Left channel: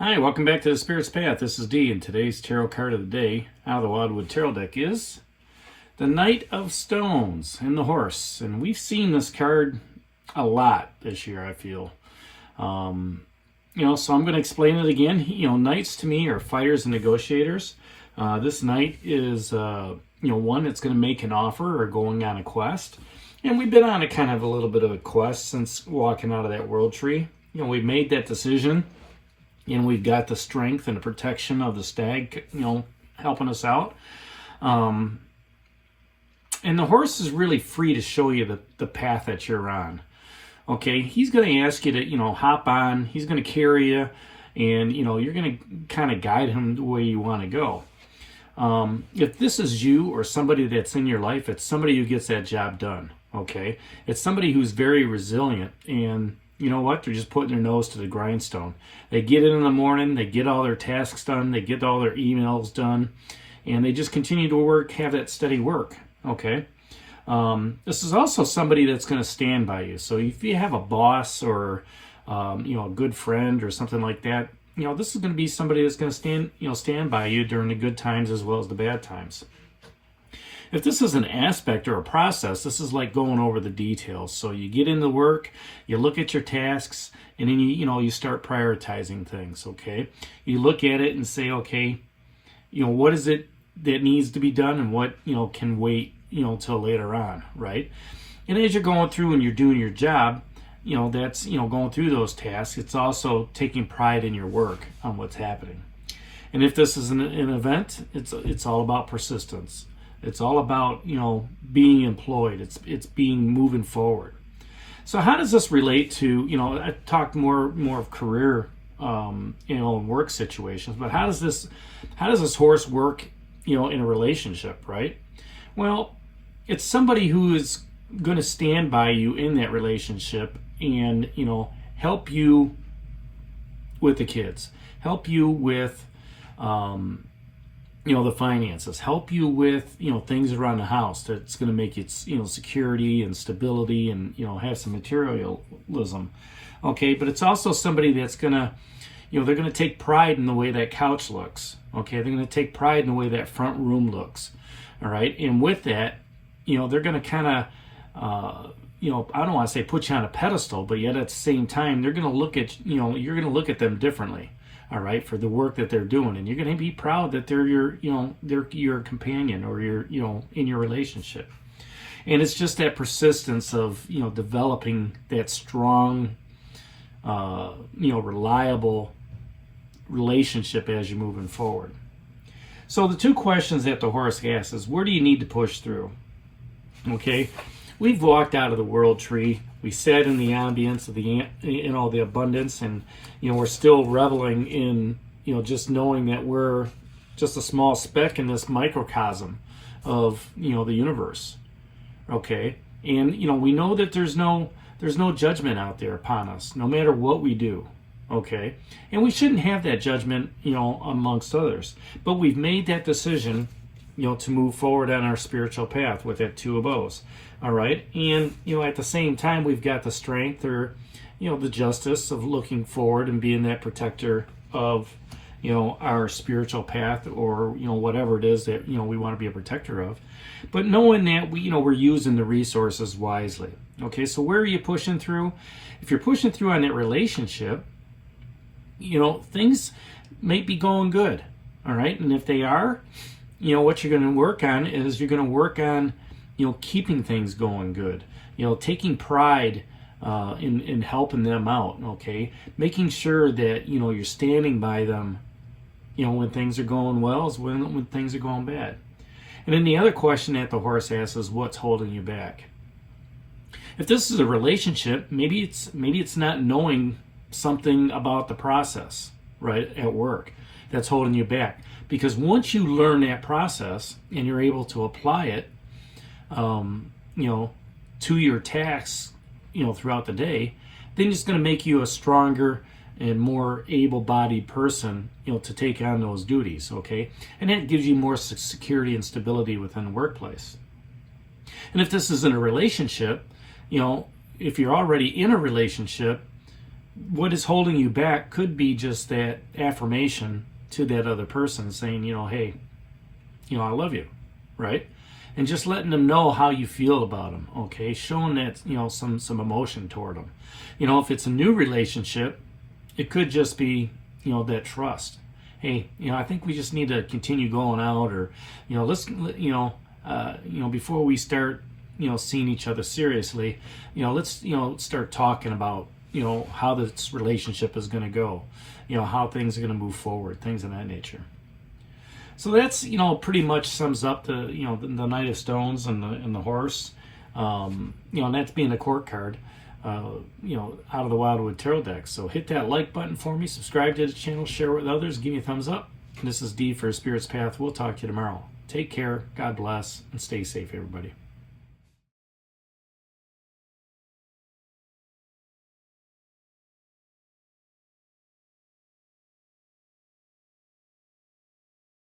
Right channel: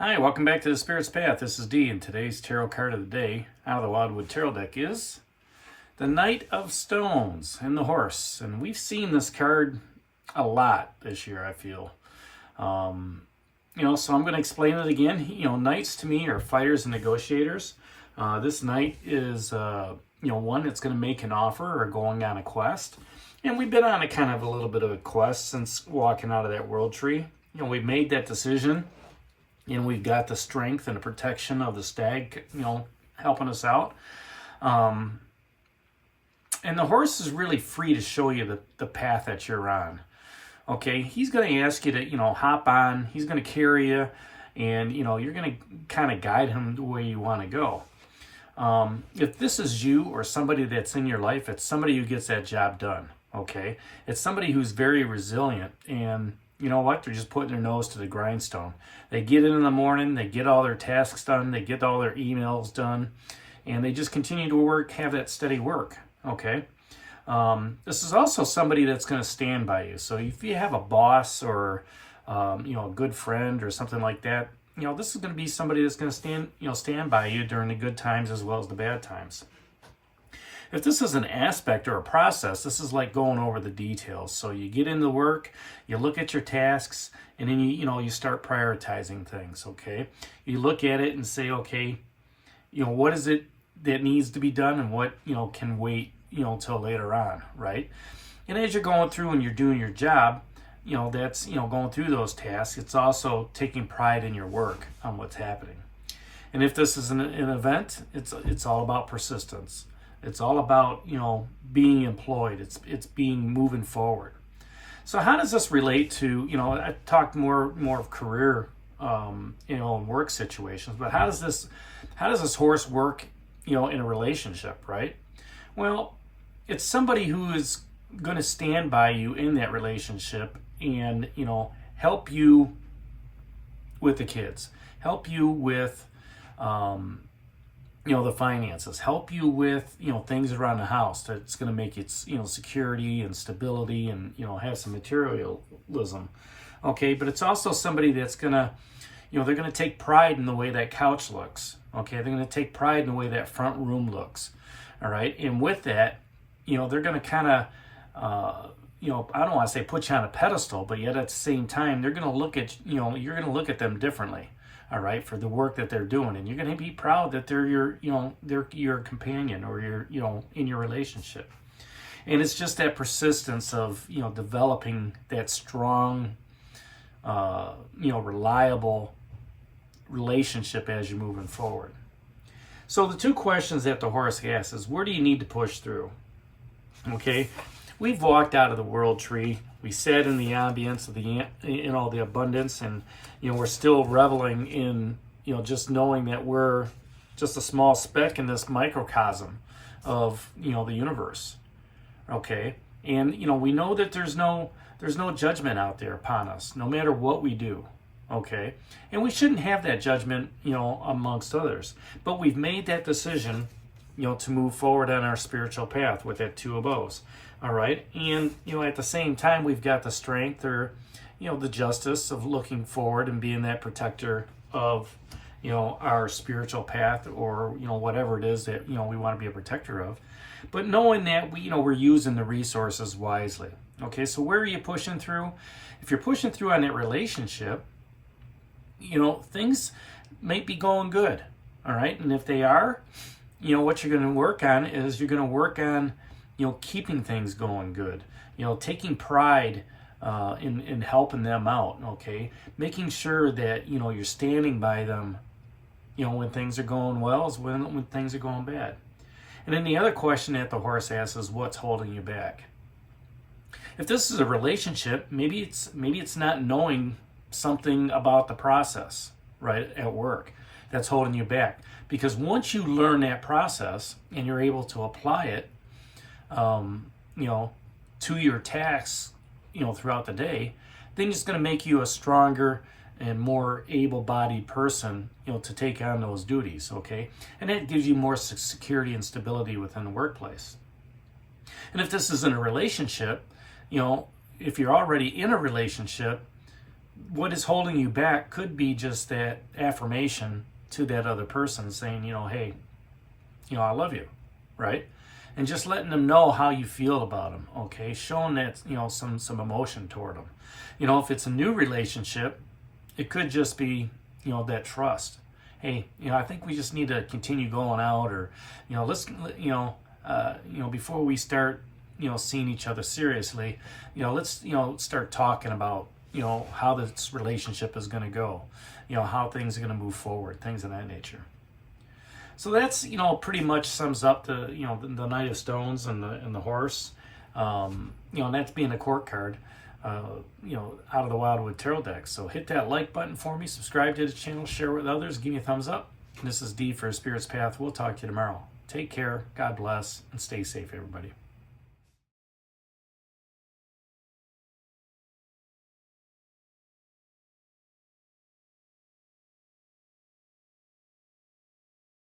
Hi, welcome back to the Spirit's Path. This is Dee, and today's tarot card of the day out of the Wildwood Tarot deck is the Knight of Stones and the Horse. And we've seen this card a lot this year, I feel. So I'm going to explain it again. Knights to me are fighters and negotiators. This knight is, one that's going to make an offer or going on a quest. And we've been on a little bit of a quest since walking out of that world tree. We made that decision. And we've got the strength and the protection of the stag, helping us out. And the horse is really free to show you the path that you're on. Okay, he's going to ask you to, hop on. He's going to carry you. And, you're going to kind of guide him the way you want to go. If this is you or somebody that's in your life, it's somebody who gets that job done. Okay, it's somebody who's very resilient and you know what? They're just putting their nose to the grindstone. They get in the morning, they get all their tasks done, they get all their emails done, and they just continue to work, have that steady work, okay? This is also somebody that's going to stand by you. So if you have a boss or, a good friend or something like that, this is going to be somebody that's going to stand by you during the good times as well as the bad times. If this is an aspect or a process, this is like going over the details. So you get into work, you look at your tasks, and then you start prioritizing things, okay? You look at it and say, okay, what is it that needs to be done and what, can wait, till later on, right? And as you're going through and you're doing your job, that's, going through those tasks, it's also taking pride in your work on what's happening. And if this is an event, it's all about persistence. It's all about, being employed. It's being moving forward. So how does this relate to, I talked more of career, work situations, but how does this horse work, in a relationship, right? Well, it's somebody who is going to stand by you in that relationship and, help you with the kids, help you with, the finances, help you with, things around the house that's going to make it, security and stability and, have some materialism. Okay. But it's also somebody that's going to, they're going to take pride in the way that couch looks. Okay. They're going to take pride in the way that front room looks. All right. And with that, they're going to kind of, I don't want to say put you on a pedestal, but yet at the same time, they're going to look at, you're going to look at them differently. All right, for the work that they're doing, and you're going to be proud that they're your companion or in your relationship. And it's just that persistence of developing that strong, reliable relationship as you're moving forward. So the two questions that the horse asks is, where do you need to push through? Okay, we've walked out of the world tree. We sat in the ambience of the abundance, and we're still reveling in just knowing that we're just a small speck in this microcosm of the universe. Okay, and we know that there's no judgment out there upon us, no matter what we do. Okay, and we shouldn't have that judgment amongst others, but we've made that decision to move forward on our spiritual path with that Two of Bows. All right. And, at the same time, we've got the strength or, the justice of looking forward and being that protector of, our spiritual path or, whatever it is that, we want to be a protector of. But knowing that we're using the resources wisely. Okay. So where are you pushing through? If you're pushing through on that relationship, things might be going good. All right. And if they are, what you're going to work on is you're going to work on, keeping things going good, taking pride in helping them out, okay? Making sure that, you're standing by them, when things are going well as when things are going bad. And then the other question that the horse asks is, what's holding you back? If this is a relationship, maybe it's not knowing something about the process, right, at work that's holding you back. Because once you learn that process and you're able to apply it, to your tasks, throughout the day, then it's going to make you a stronger and more able-bodied person, to take on those duties, okay? And that gives you more security and stability within the workplace. And if this is in a relationship, if you're already in a relationship, what is holding you back could be just that affirmation to that other person saying, hey, I love you, right? And just letting them know how you feel about them, okay? Showing that, some emotion toward them. If it's a new relationship, it could just be, that trust. Hey, I think we just need to continue going out, or, let's, before we start, seeing each other seriously, let's, start talking about, how this relationship is going to go, how things are going to move forward, things of that nature. So that's, pretty much sums up the, the Knight of Stones and the horse, and that's being a court card, out of the Wildwood Tarot deck. So hit that like button for me, subscribe to the channel, share with others, give me a thumbs up. This is Dee for Spirit's Path. We'll talk to you tomorrow. Take care, God bless, and stay safe, everybody.